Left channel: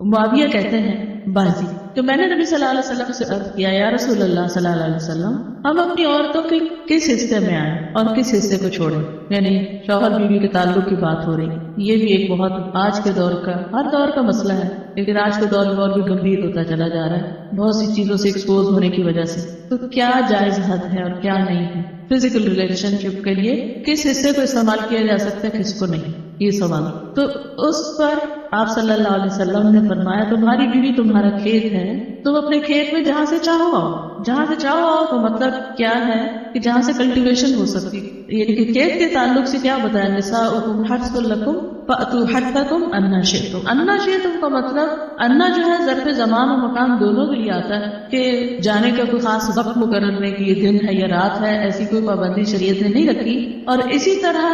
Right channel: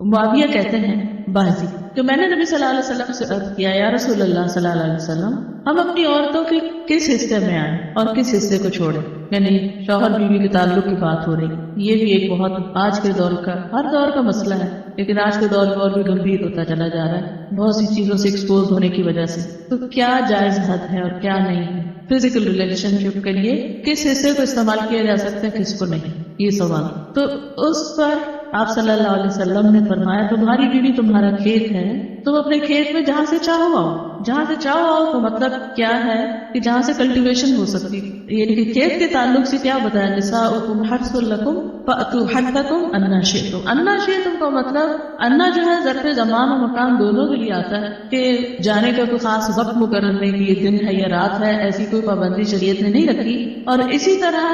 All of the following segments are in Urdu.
معاویہ کہتے ہیں بازی تو میں نے نبی صلی اللہ علیہ وسلم سے عرض کیا یا رسول اللہ صلی اللہ علیہ وسلم ہم اپنی عورتوں کے کس حصے میں آئیں اور کس حصے کو چھوڑیں، یعنی شوہر بیوی کے تعلق کی بات ہو رہی، یہ بھی ایک بہت آج کے دور کا ہر دور کا مسئلہ ہے، لیکن آج کے دور میں اور بھی گمبھیر ہوتا چلا جا رہا ہے بہت سی چیزوں سے ایکسپوز ہونے کی وجہ سے۔ تو کیا جائز حد ہے اور کیا نہیں، فزیکل ریلیشن شپ کے لیے کس حصے کو استعمال کیا جا سکتا ہے کس کو نہیں، یہ سوال۔ تو اس پر آپ صلی اللہ علیہ وسلم نے فرمایا تمہاری بیوی تمہارا کھیت ہے، تم اپنے کھیت میں جہاں سے چاہو آؤ، جہاں سے چاہو آؤ تو مطلب کیا ہے کہ جہاں سے کلٹیویشن ہو سکتی ہے، یعنی کہ کھیت کے تعلق سے کیا بتایا، نساؤکم حرث لکم فأتوا حرثکم انا شئتم، انا شئتم کا مطلب انا جو ہے ظرف زمان و مکان دونوں کے لیے آتا ہے کہ جانے کا کوئی خاص وقت کو کرنے کی، دن ہے یا رات ہے، ایسی کوئی پابندی شریعت نے نہیں رکھی۔ اور اسی طرح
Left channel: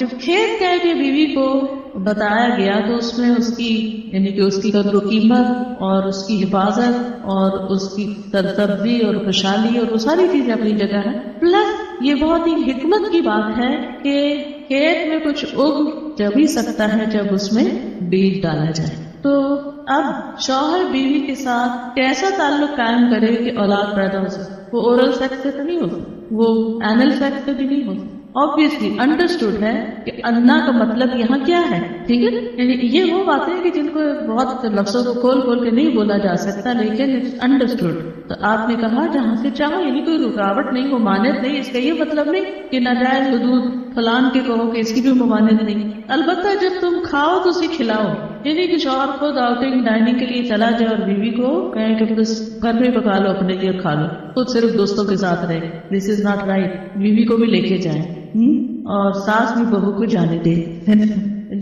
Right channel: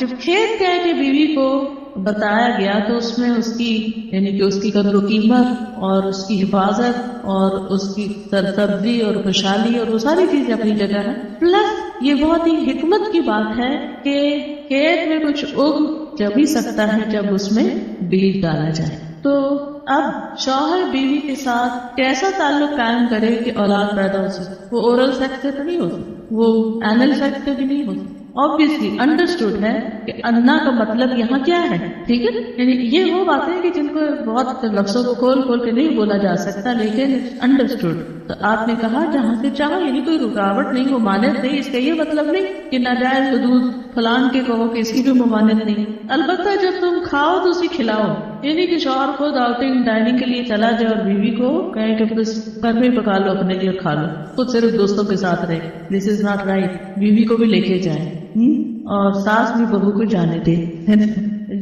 جب کھیت کہہ کے بیوی کو بتایا گیا تو اس میں اس کی یعنی کہ اس کی قدر و قیمت اور اس کی حفاظت اور اس کی سبزی اور خوشحالی اور وہ ساری چیزیں اپنی جگہ ہیں، پلس یہ بہت ہی حکمت کی بات ہے کہ کھیت میں کچھ اگ جب ہی سکتا ہے جب اس میں بیج ڈالا جائے۔ تو اب شوہر بیوی کے ساتھ کیسا تعلق قائم کرے کہ اولاد پیدا ہو سکے، وہ اورل سیکس سے تو نہیں ہو سکتا، وہ اینل سیکس سے بھی نہیں ہو سکتا۔ obviously understood ہے کہ انا کا مطلب یہاں کیا ہے، ٹھیک ہے، یہ وہ باتیں کہ جن کو بہت لفظوں کو کھول کھول کے نہیں بولا جا سکتا، لیکن understood۔ تو آپ نے کہا جہاں سے چاہو، یعنی کوئی رکاوٹ نہیں، ممانعت نہیں، اس کا یہ مطلب نہیں کہ ناجائز حدود فلان کے کہو کہ اس کی بھی ممانعت نہیں، البتہ جب تم کھاؤ تو اسے کھلاؤ، یعنی کہ شوہر خود آؤٹنگ ڈائننگ کے لیے چلا جائے اور بیوی کو کہیں کہ بس گھر میں پکا لو اپنے لیے کھا لو، خود صرف دوستوں کے ساتھ رہے، دس از ناٹ رائٹ، بیوی کو بھی لے کے جائیں اور ساس بھی بہو کو جانے دے،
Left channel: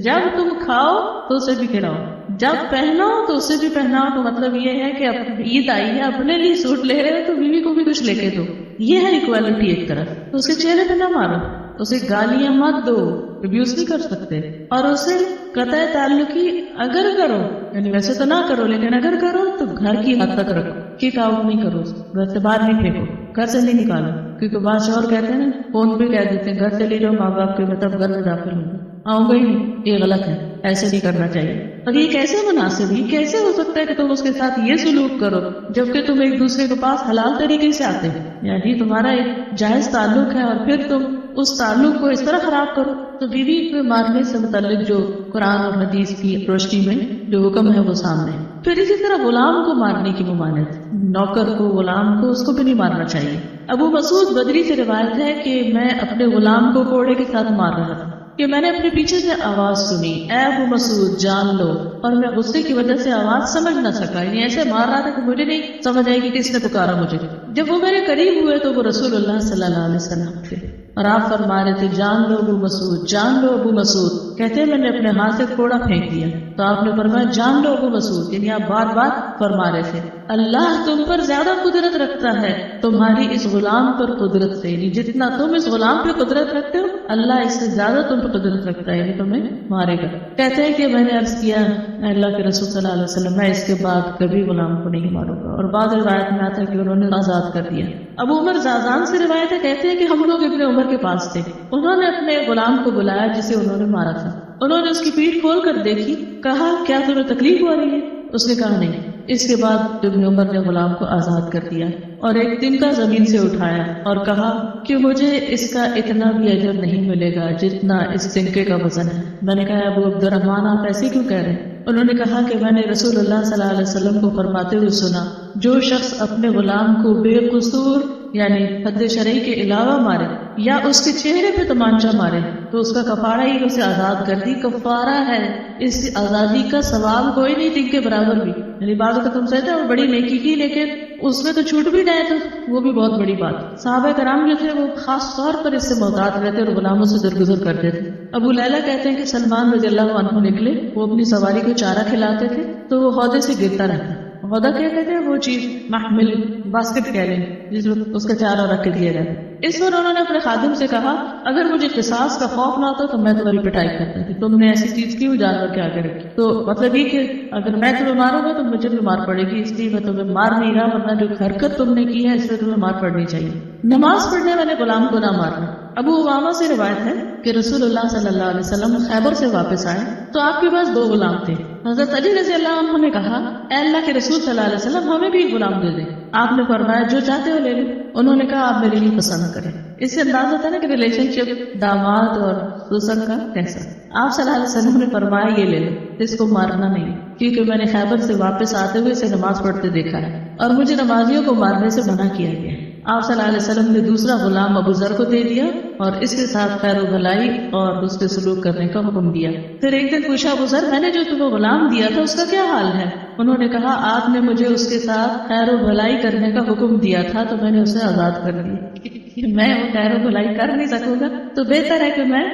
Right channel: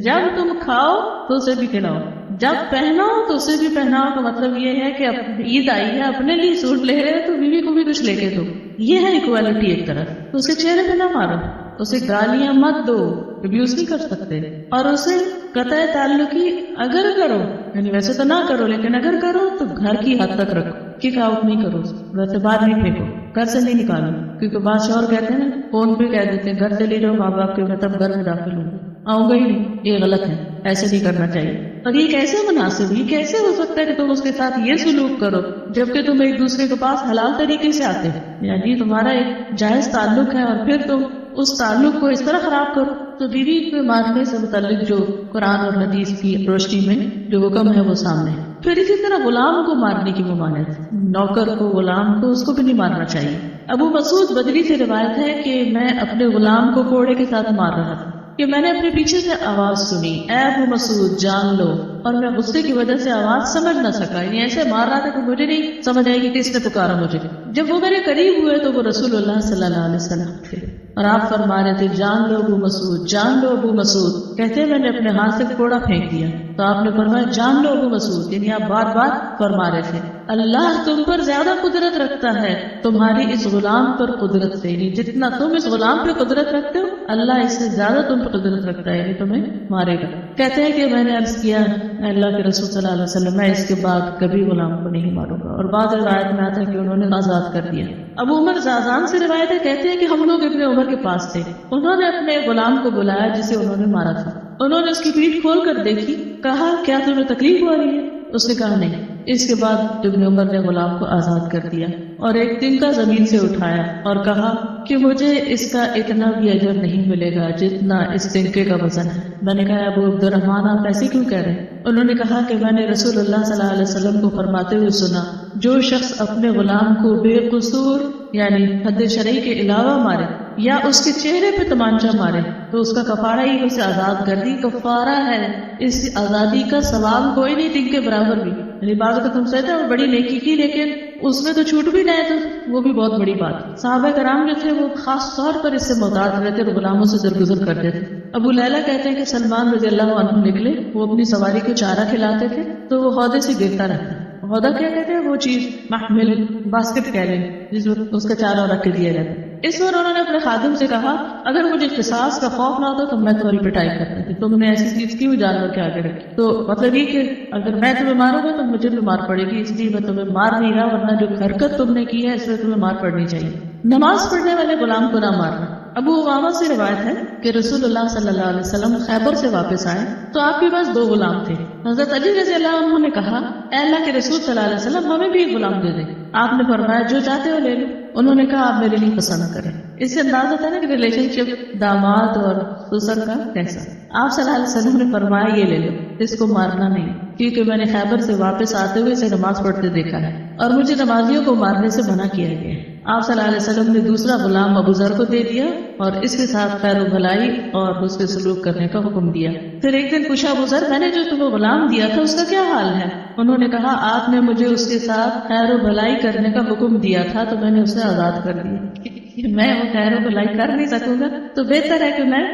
جب تم کھاؤ تو اسے بھی کھلاؤ، جب پہناؤ تو اسے بھی پہناؤ، تو مطلب یہ ہے کہ اب عید آئی ہے اپنے لیے سوٹ لے رہے تو بیوی کو بھی کچھ لے کے دو، یہ ہے اکوالٹی ایک طرح۔ اسے چہرے پہ نہ مارو، اسے گالیاں مت دو، ابیوز نہیں کر سکتے، اور اسے قطع تعلقی اگر کرو، یعنی ویسے تو نہ کرو لیکن اگر کرو تو گھر کی حد تک رکھو، کک آؤٹ نہیں کرو، گھر سے باہر نہیں پھینکو، گھر سے نہیں نکالو، کیونکہ بعض شوہر کہتے ہیں فون بھی کہہ دیتے ہیں گھر سے نہیں جاؤ، ماں باپ کے مطلب گھر میں داخل ہو آؤں گی نہیں، یہ غلط ہے، ایسے نہیں کرنا چاہیے۔ اور یہ کیسے مناسب، یہ کیسے ہو سکتا ہے کہ تم اس کے ساتھ یہ سلوک کرو جبکہ تم ایک دوسرے کے پاس حلال طریقے سے آتے ہیں، یعنی تمہارا ایک جائز تعلق ہے اور پھر تم اس تعلق کو اس طرح خراب کرو۔ تو بیوی کو مارنے سے متعلق جو قرآن اور حدیث کی روشنی میں جو حکم ہے وہ سامنے، پھر اسی طرح غلام کو مارنے کی ممانعت، نوکر کو، غلام کو، اس کو بھی نہیں مارنا چاہیے۔ ابو مسعود بدری سے روایت ہے کہ میں اپنے غلام کو کوڑے کے ساتھ مار رہا تھا کہ میں نے اپنے پیچھے سے آواز سنی، اے ابو مسعود جان لو، اور میں غصے کی وجہ سے آواز سمجھ نہ سکا، یعنی ایسے مار رہا تھا کہ مجھے نہیں سمجھ آئی کہ کس نے پکارا مجھے۔ جب وہ میرے قریب ہوئے تو وہ رسول اللہ صلی اللہ علیہ وسلم تھے اور آپ فرما رہے تھے جان لو ابو مسعود، جان لو ابو مسعود، کہتے میں نے اپنے ہاتھ سے کوڑا پھینک دیا تو آپ نے فرمایا جان لو ابو مسعود، یعنی آپ بار بار فرما رہے تھے اللہ تم پر زیادہ قدرت رکھتا ہے تمہاری اس غلام پر قدرت سے، یعنی جتنا تم اس غلام پہ قدرت رکھتے ہو اللہ اس سے زیادہ تم پہ قدرت رکھتا ہے، یعنی تمہیں مارے گا۔ کہتے ہیں کہ میں نے عرض کیا میں اللہ کے رسول صلی اللہ علیہ وسلم میں اس کے بعد کبھی غلام کو نہیں ماروں گا، اور بعض روایت میں آتا ہے کہ انہوں نے آزاد کر دیا۔ ابو عمر زازان سے روایت ہے، کہتے ہیں کہ ہم لوگ ابن عمر کے پاس تھے، انہوں نے اپنے غلام کو بلایا جسے انہوں نے مارا تھا، انہوں نے اس کی پیٹھ کھول کر دیکھی، کہا کیا تمہیں تکلیف ہو رہی ہے؟ اس نے کہا نہیں۔ اس کے بعد ابن عمر نے غلام کو آزاد کر دیا اور ایک تنکا زمین سے اٹھایا اور کہا کہ مجھے اس کا اتنا بھی اجر نہیں ملے گا جتنا اس تنکے کا وزن ہے۔ میں نے کہا ابو عبد الرحمن آپ ایسے کیوں کہہ رہے؟ انہوں نے کہا کہ میں نے رسول اللہ صلی اللہ علیہ وسلم کو فرماتے ہوئے سنا جو شخص اپنے غلام کو بے قصور یعنی حد شرعی کے علاوہ مارے یا اس کے چہرے پہ تمانچہ مارے تو اس کا کفارہ ہی اسے آزاد کر دی، کفارہ ہے، اس آزادی کا ثواب کوئی نہیں دن کے برابر بھی، یعنی بعض اوقات ہم کہتے ہیں بڑی نیکی کی لیکن اس میں تو چھوٹ بھی گیا تھا، وہ بھی بہت بڑی بات۔ صحابہ کرام جو تھے وہ خاص طور پر اس سے محتاط رہتے اور غلاموں سے درگزر کرتے تھے۔ ابو لیلہ کہتے ہیں کہ سلمان رضی اللہ عنہ نکلے، وہ اپنی سواری کو چارہ کھلاتے تھے تو وہ عہدے سے گرتا رہتا۔ عہدہ کیا کہتے ہیں؟ وہ چیز محمل باسکٹ کہہ لیں جس میں اس کا چارہ رکھ کے دیا جاتا۔ اس پر انہوں نے اپنے خادم سے کہا اگر مجھے قصاص کا خوف نہ ہوتا تو میں تمہاری پٹائی کرتا تھا، تم نے ایسی چیز کیوں جانور کے آگے رکھی؟ تو مطلب یہ کہ اگر میں تمہیں ماروں گا تو مجھے بھی مار پڑے گی، اس لیے میں تمہیں مار نہیں رہا، ورنہ جو حرکت تم نے کی ہے اس لیے تمہیں مار پڑنی چاہیے۔ نماز پڑھنے والے غلام کو نہ مارنا۔ ابو امامہ سے روایت ہے کہ رسول اللہ صلی اللہ علیہ وسلم خیبر سے واپس آئے تو آپ کے پاس 2 غلام تھے. حضرت علی رضی اللہ عنہ نے کہا اے اللہ کے رسول صلی اللہ علیہ وسلم ہمیں بھی ایک غلام دے دیں. آپ نے فرمایا جو چاہتے ہو لے لو. انہوں نے کہا آپ میرے لیے پسند کریں. اس سے انداز ہوتا ہے نا کہ ریلیشن شپ داماد اور سسر کا کیسا. آپ صلی اللہ علیہ وسلم نے فرمایا یہ لے لو، اس کو مارنا نہیں، کیونکہ میں نے خیبر سے واپس آتے ہوئے اسے نماز پڑھتے دیکھا ہے اور مجھے نمازیوں کو مارنے سے منع کیا گیا ہے. آپ صلی اللہ علیہ وسلم نے دوسرا غلام ابو ذر کو دے دیا اور اس کے ساتھ خیر و بھلائی اور اس پہ سلوک کرنے کا حکم دیا. پھر ایک دن پوچھا ابو ذر میں نے جو تمہیں غلام دیا تھا اس کا کیا حال ہے؟ انہوں نے کہا آپ نے مجھے اس کے ساتھ خیر و بھلائی کرنے کا حکم دیا تھا تو میں نے اسے آزاد کر دیا. میں وہ خیر و بھلائی کر نہیں سکوں گا تو بہتر ہے کہ میں